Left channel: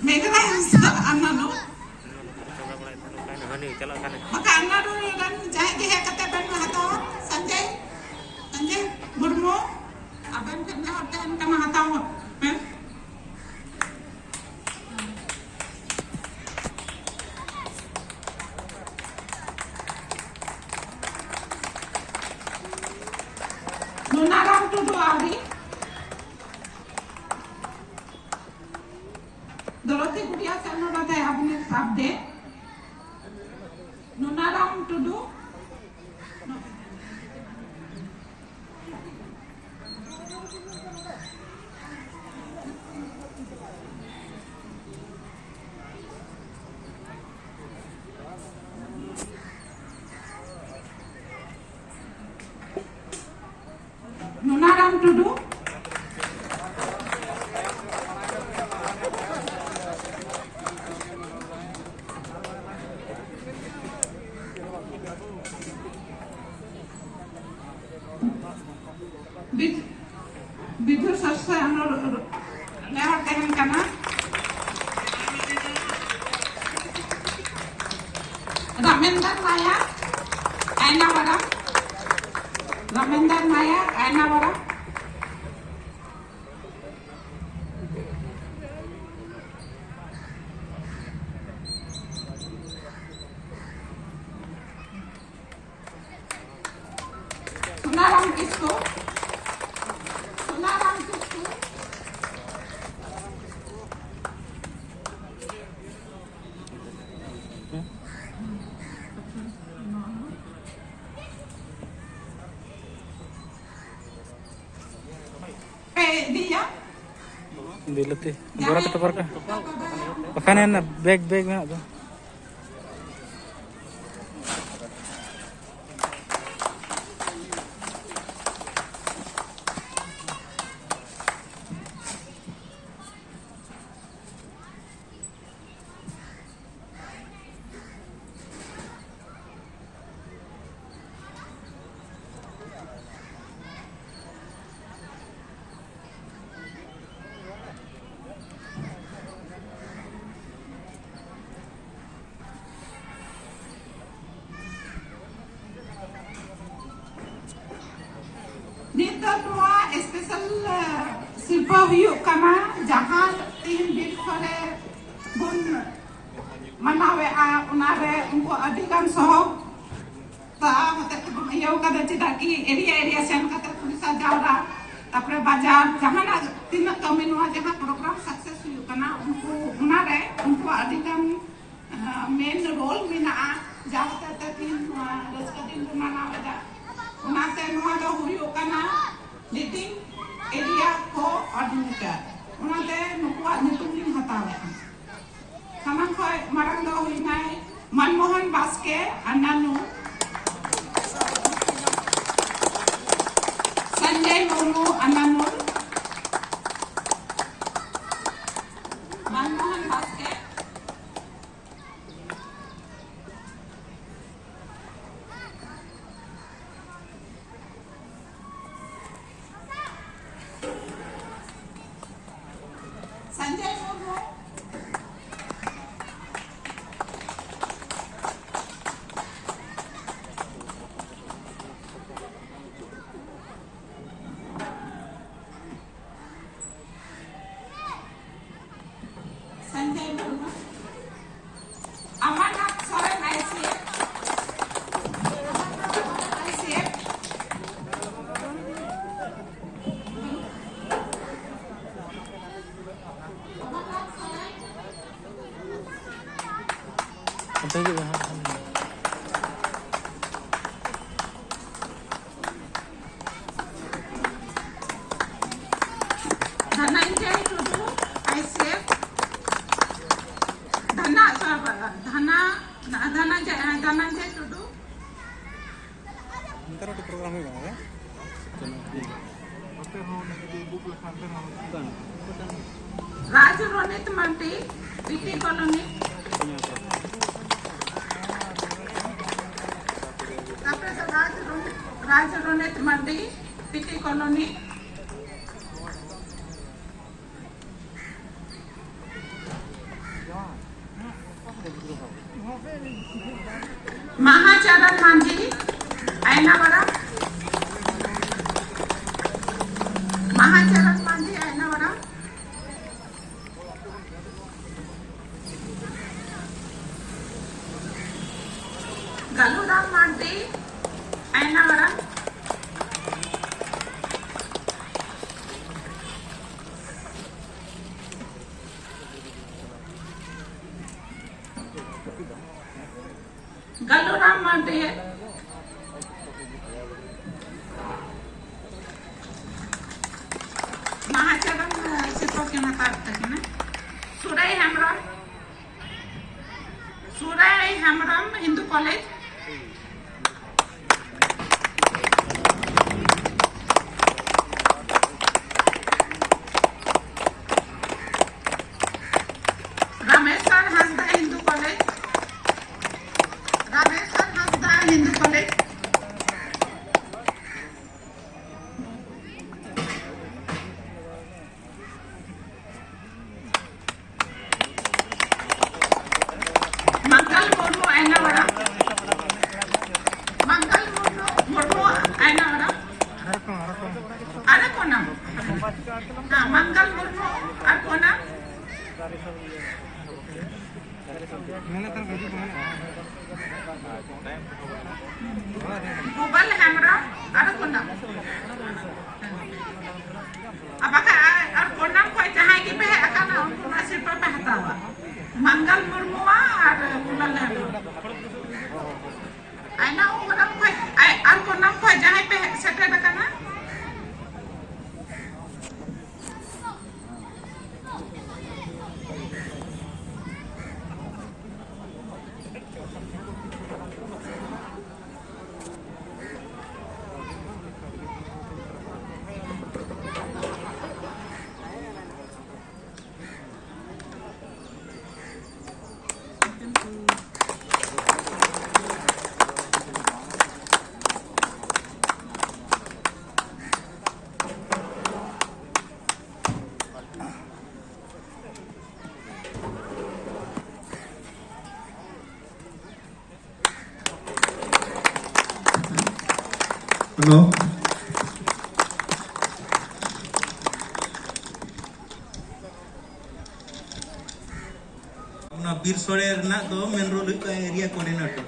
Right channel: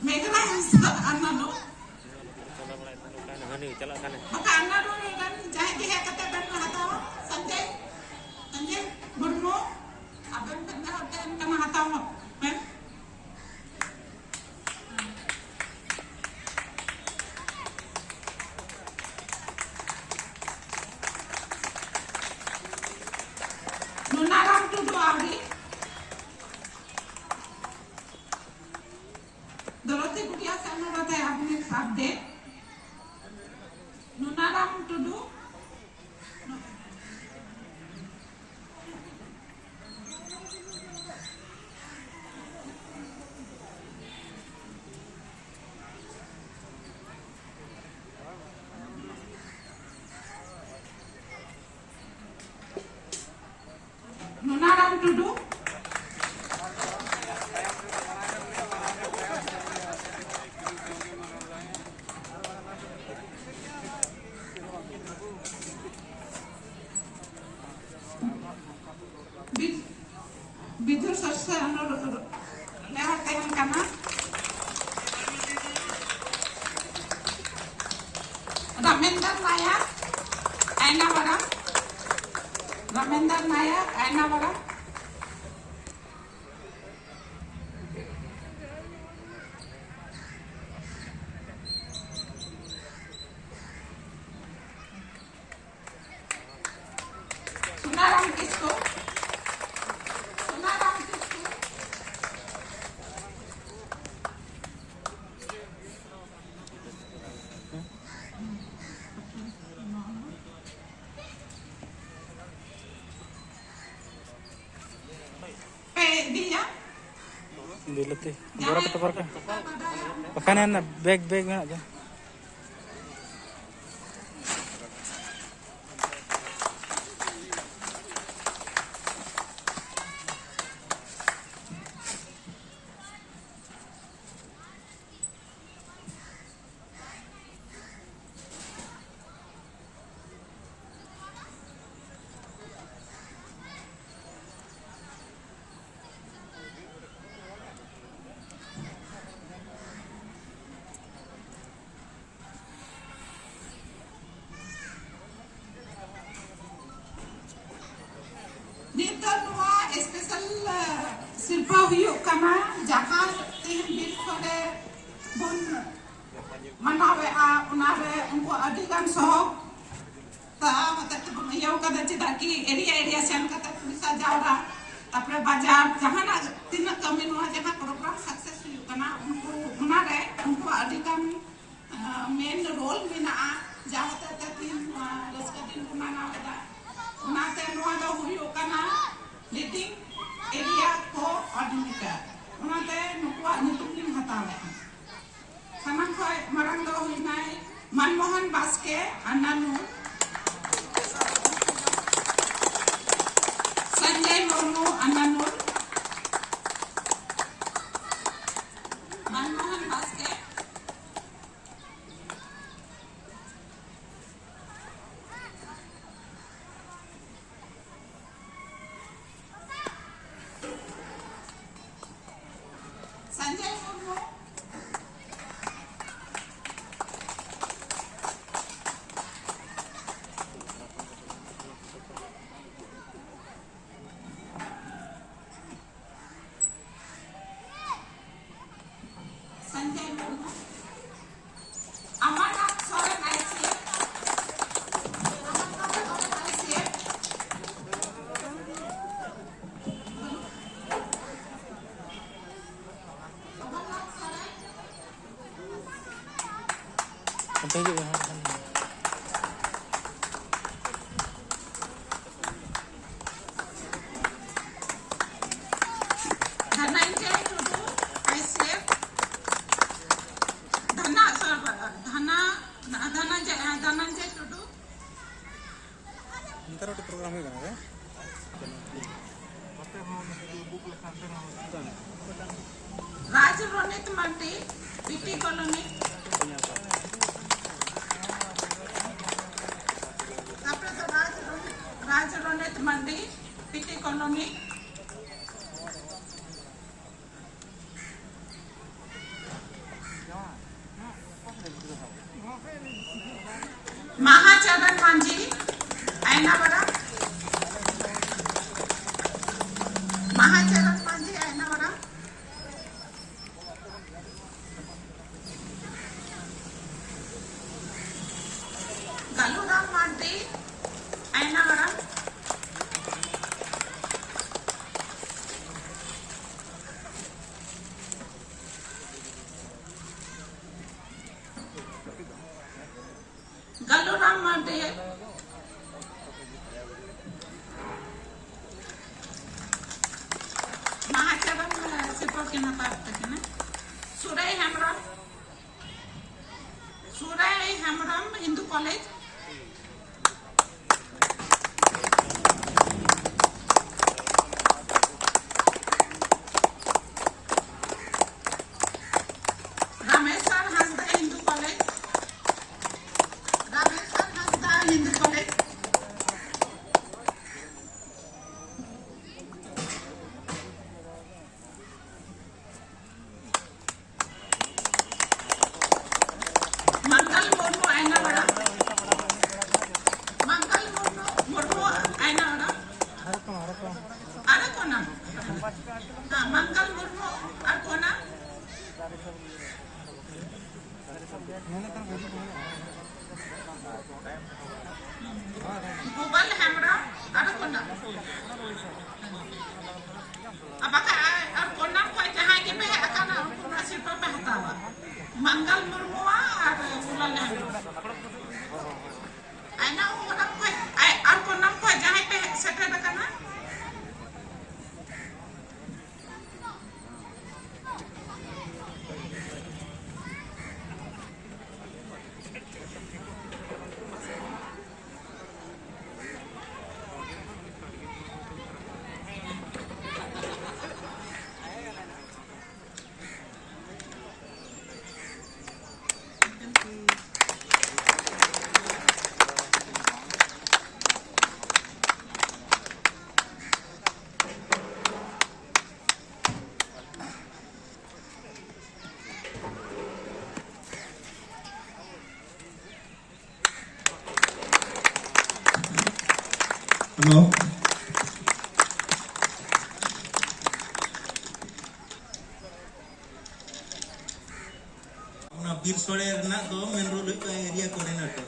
Megara Anano. Maka Anado kan jahe jahe kata dan hatawa Sanjay Sanjay Murmu aban kan hotel kama hatawa. Nunaram tu doagi. Dorothy Gudia sama बताया आपने शब्द Nunaram Tudu Nunaram Tudu Bidu selesai lewat dengan kanan. Ramendra Maya, Aina Wara. Ramendra Maya, Aina Wara. Sunaram Kisko. Dia Dilati. Borang kita parka. Pakanan na bag na tu. Nita tua special silpa huyuk kana jahan tin bil kore bun manawe a unare unko adikan soho ta kata tu yau kada cedaki area sen kata pulisa jauda tapre bajar jahana tina kami nuah jahan program sukses huyuk kana unko unare unko adikan main role mina jahata tin raskatin rumana ada उनाते नुआदा हुई ओकना leading area coordinator उनाते नुकुआ नुतुमिन हतावे सामान खोय मारंग दो हुई नाय Manmohan Baske अन्नानु Sanjay Murmu अन्नानु Manmohan Baske Sanjay Murmu Sanjay Murmu Amarnath Soren ICF Apa gitu? Dhananjay Tudu ICF Dhananjay Tudu Ntar ada program ini kan? Raj Ronit Mandi PT Colony Raj Ronit Mandi PT Colony महाचरण Manjhi आयनावरम, महाचरण Manjhi आयनावरम, गलुराम Manjhi आयनावरम, गलुराम Manjhi महाचरण सिर्फ के ना काट तक में Surai Hembram Hindu College, Rameshwar Hansda Hindu College, Rameshwar Hansda Hindu College, Mangal Murmu Ayanavaram, Mangal Murmu Ayanavaram, Arakkonam, हाँ मंगल मुर्मू अरकोनम, गुबल हेम्ब्रम अरकोनम, अब अरकोनम को जहाँ की पे अकाना उनका सिर्फ पे हटावा मंगल मुर्मू और गुबल हेम्ब्रम आयना उनम को अरकोनम को जहाँ पे सेटल अकाना Hello. बीर सोरे दो मेन रोड एरिया कोऑर्डिनेटर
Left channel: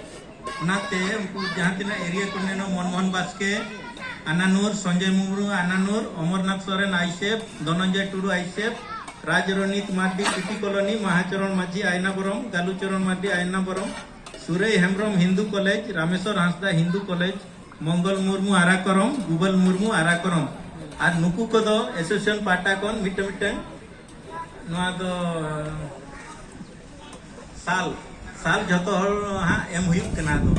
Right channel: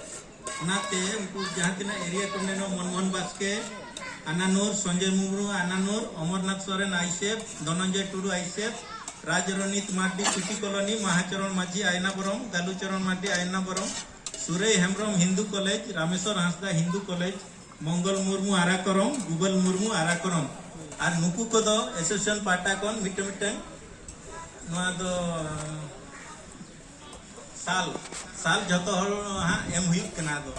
नाते उनको जहाँ तना area coordinator Manmohan Baske अनानूर Sanjay मुमरू अनानूर Amarnath Soren आईसेफ Dhananjay Tudu आईसेफ राजरणीत Mardi city colony महाचरण माझी आयनापुरम गालुचरण मार्डी आयनापुरम सुरई हेम्ब्रम हिंदू कॉलेज रामेश्वर हंसदा हिंदू कॉलेज मंगल मुर्मू आराकरम गुबल मुर्मू आराकरम और नुकु को दो एसोसिएशन पाटा कोन मिटे मिटे ना दो साल साल जतो हल हाँ एम हुई कना दो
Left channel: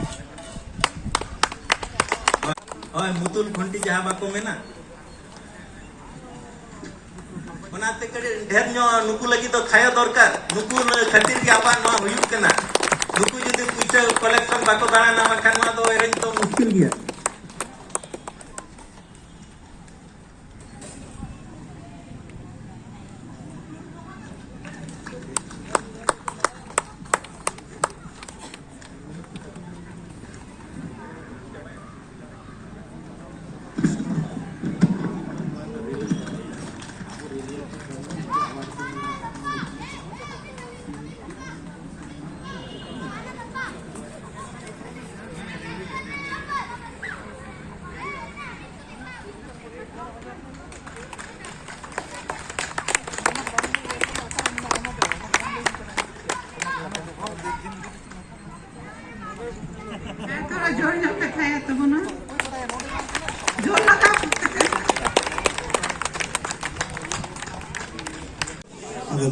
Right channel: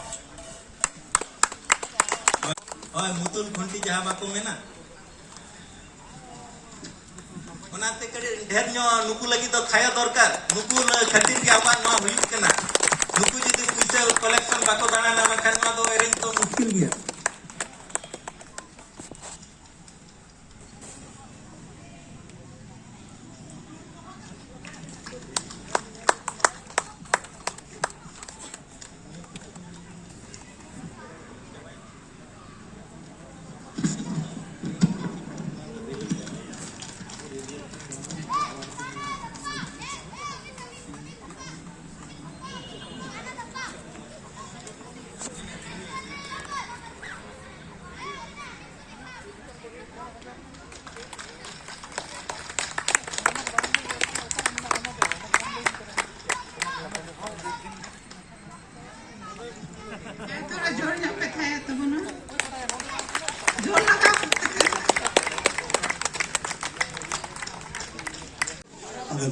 और मुतुल खंटी जहाँ बाको में ना बनाते करे ढेर नो नुकु लगी तो खाया दरकार नुकु खातिर के आपा ना हुई कना नुकु जदि पैसा कलेक्शन बाको दाना ना मानखान ना तो एरेंज तो मुश्किल गया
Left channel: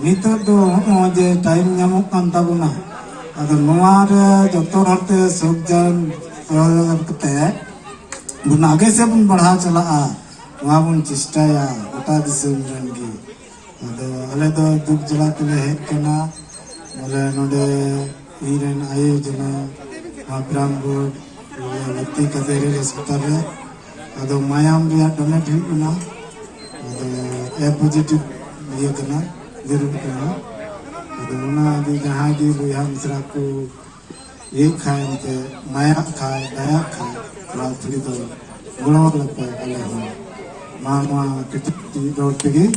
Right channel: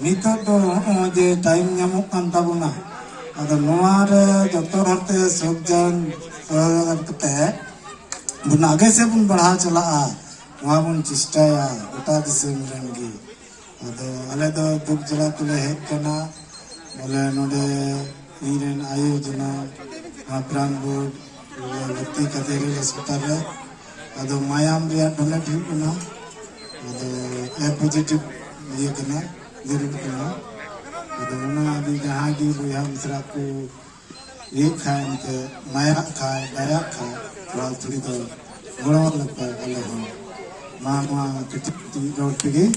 नितर दो जे टाइम नामक कान ताबुना अदो नोआ रे जतो हरते सुखजन कते बुन आगे से बुन बढ़ा चला वहाँ बुन चेष्टाया गोटा दिसम रेनगी अदो अले दो दुख जला तले हेज कना बोले नोडे ईरेन आयोजना ब्राह्मण भर्ती कतेरी अस्पताल रे अदो मायाम रिया डोनेट हुई कना अदो ए पॉजिटिव ये कना जरूर कना अदो ना जुदी जहाँ की बुआ मिश्रा को ये खाए उनके माया खाए दया खाए थोड़ा थोड़ी तो गड़ो लगता है अले हम मामा कितनी रोड पे गई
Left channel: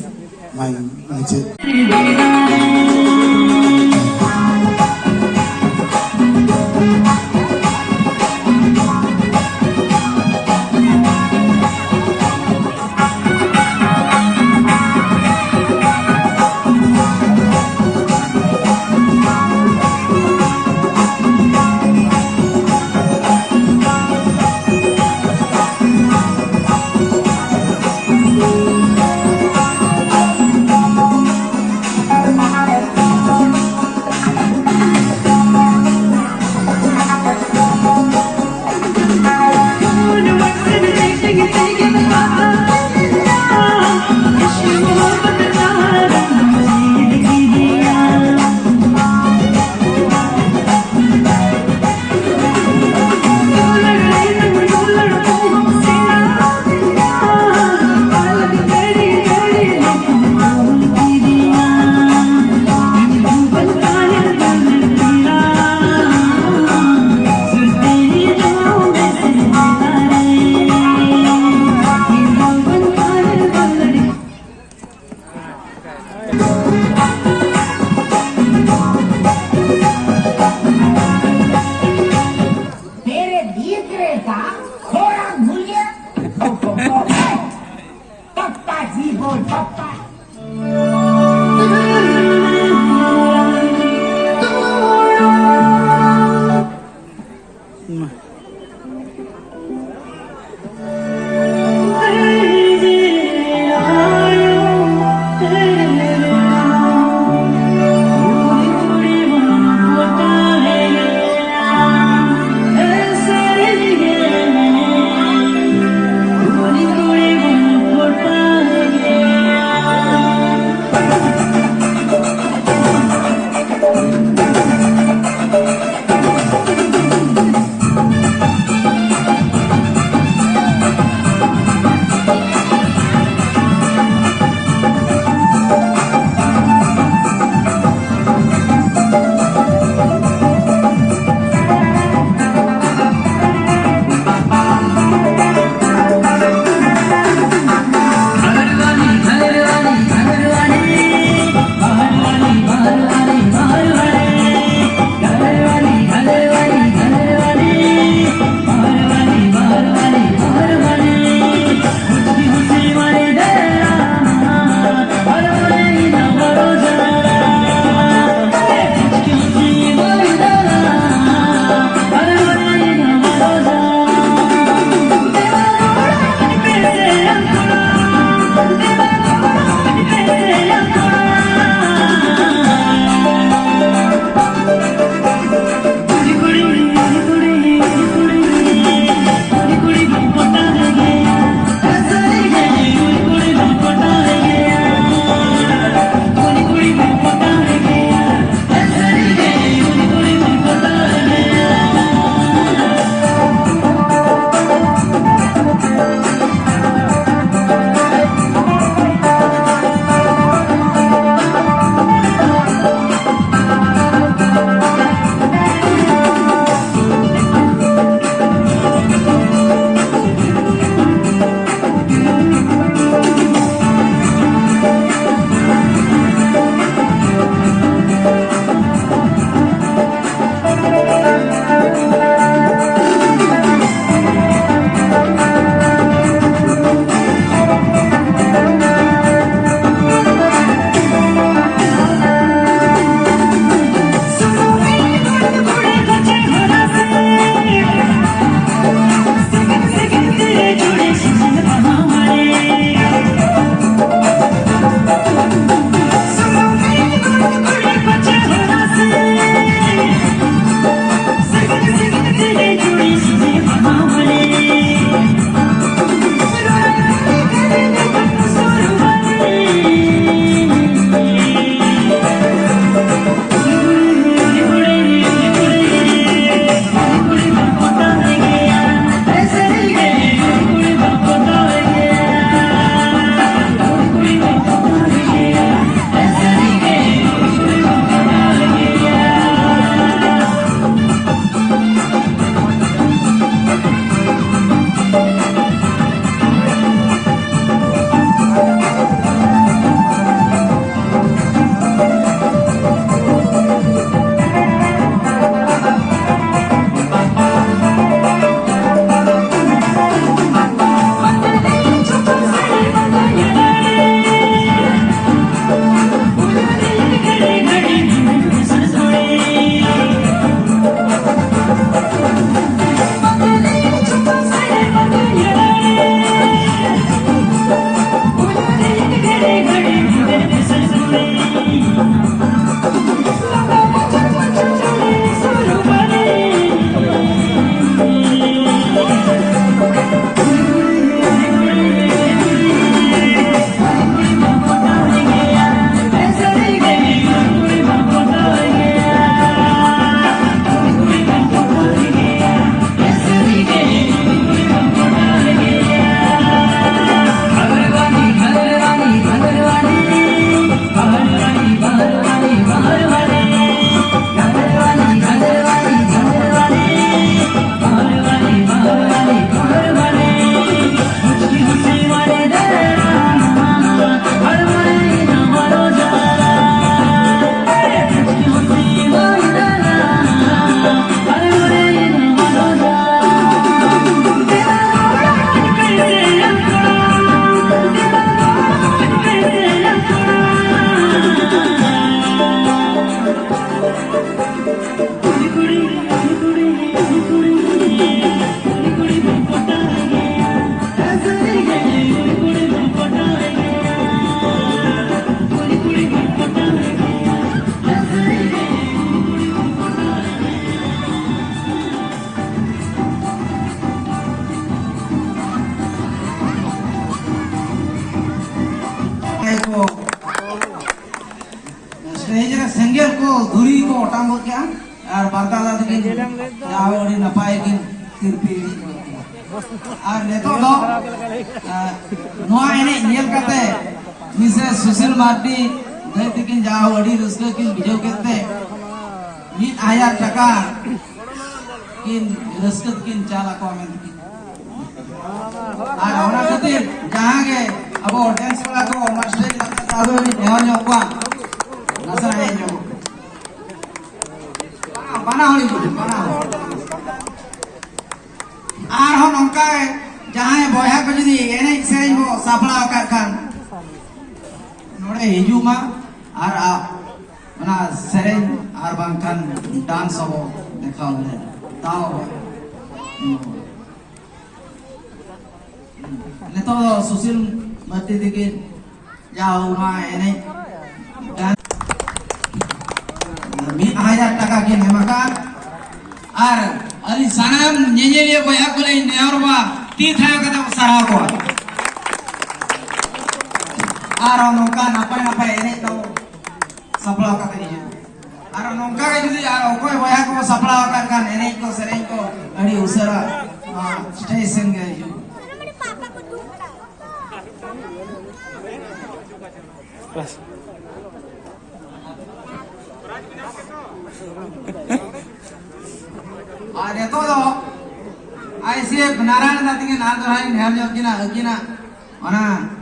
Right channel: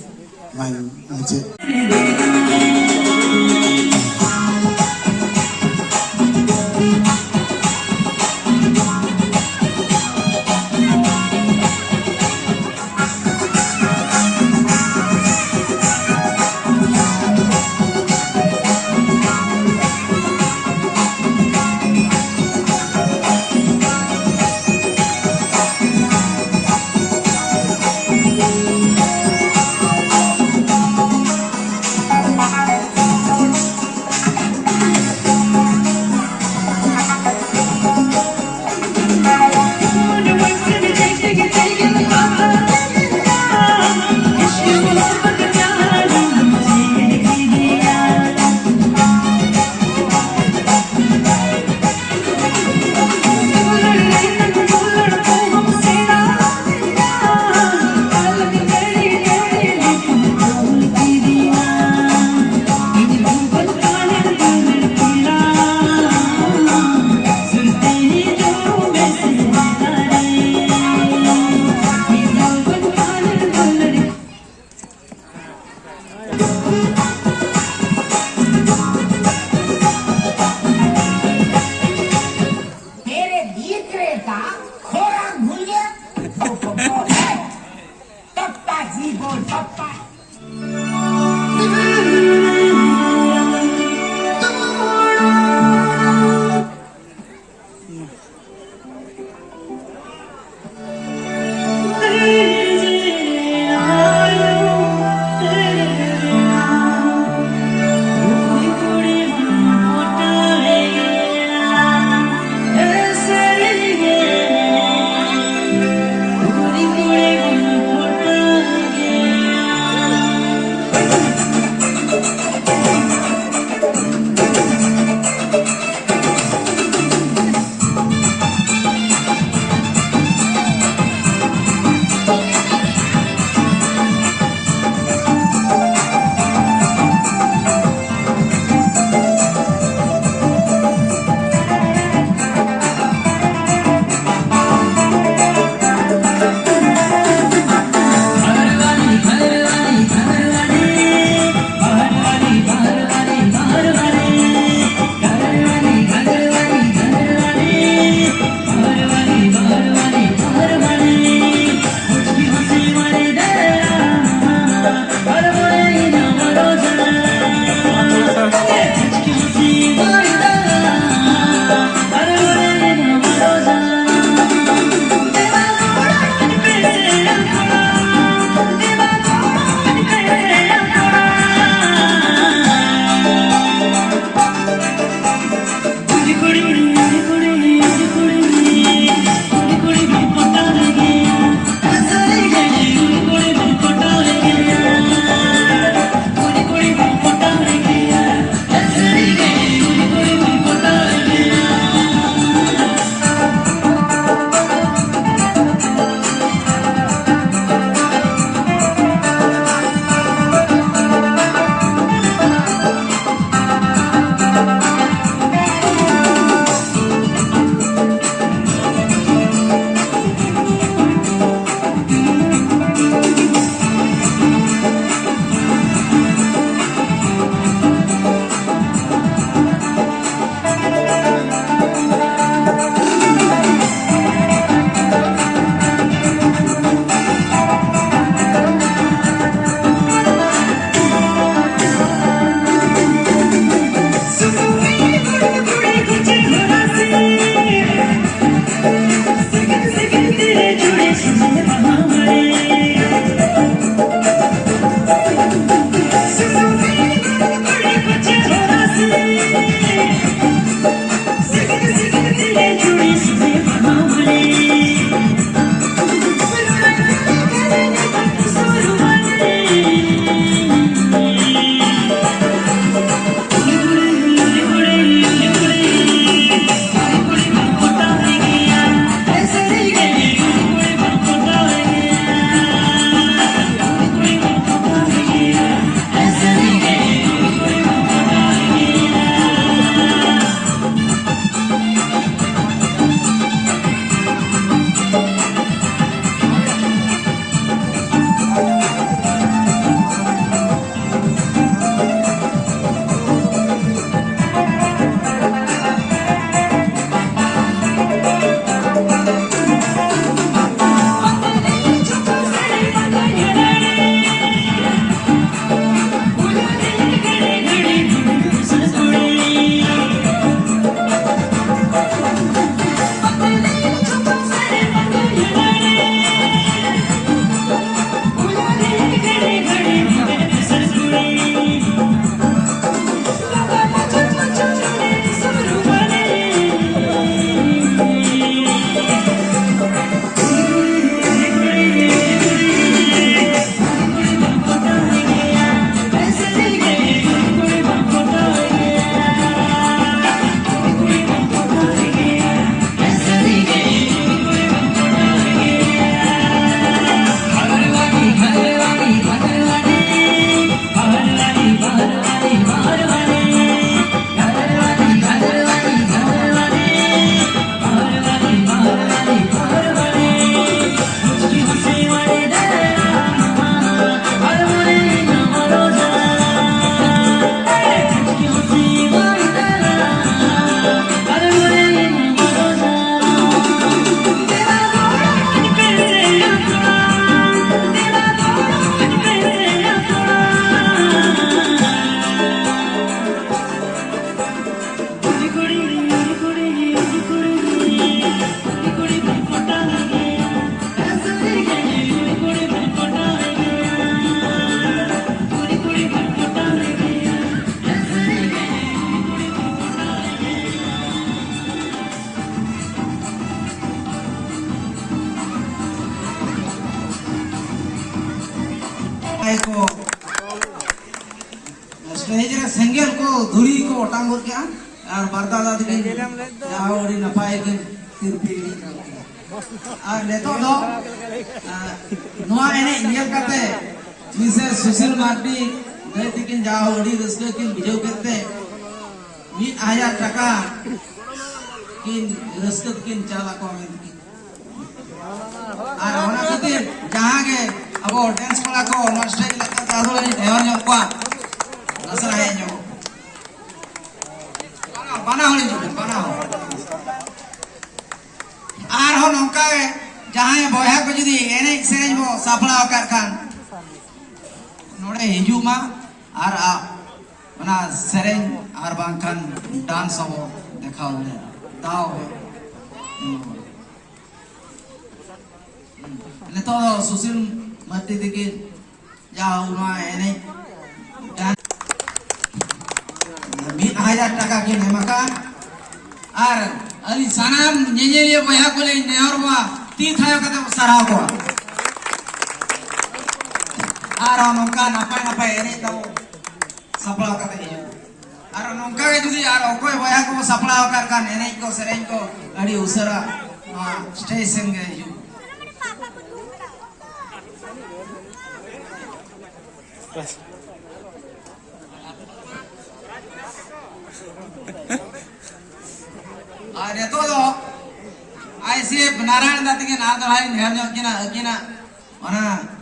मैं मुझे को स्टेज रे सेंगेल को धुरी को ओटांग गोल क्या और बरदा दाद के आवड़ी नपाय के तिरपी और नेतो दो नोआ एने नियल करते मिसेस सुशील मार्टी बेटी किन जाओ अड़ी रस्का किन बिजो करते 1000 টাকা किन रस्का किन चाला को में और ओना खातिर जहां के अब डांस वाला को मास्टर लगा दादो नि ध्यान योगा नजर आए जो बना होली जो बना हो आर हो नंका जहां बॉया को जदी एने सेरेज बो साफड़ा कर खान नोडे हिजुमा आर आ मना सेरेज आर बांकान डांस हो देखाओ ताओ नेतो सुशील मध्य दिखे जाओ वहाँ एने 1000 টাকা की नेमका आर अरी सानाम निजेलिए बया को ले नेहरवा ती थायो कता सराव को आर नोका नपाय नपाय एने तो सफला कता ये आर नोका के जुदी आर ओकोय बया को सफला कर का एने को सरेन को अड़ी उसरा स्टेशन गए जो बस ada todo ai se naran dati ke na dorai near jo kina mana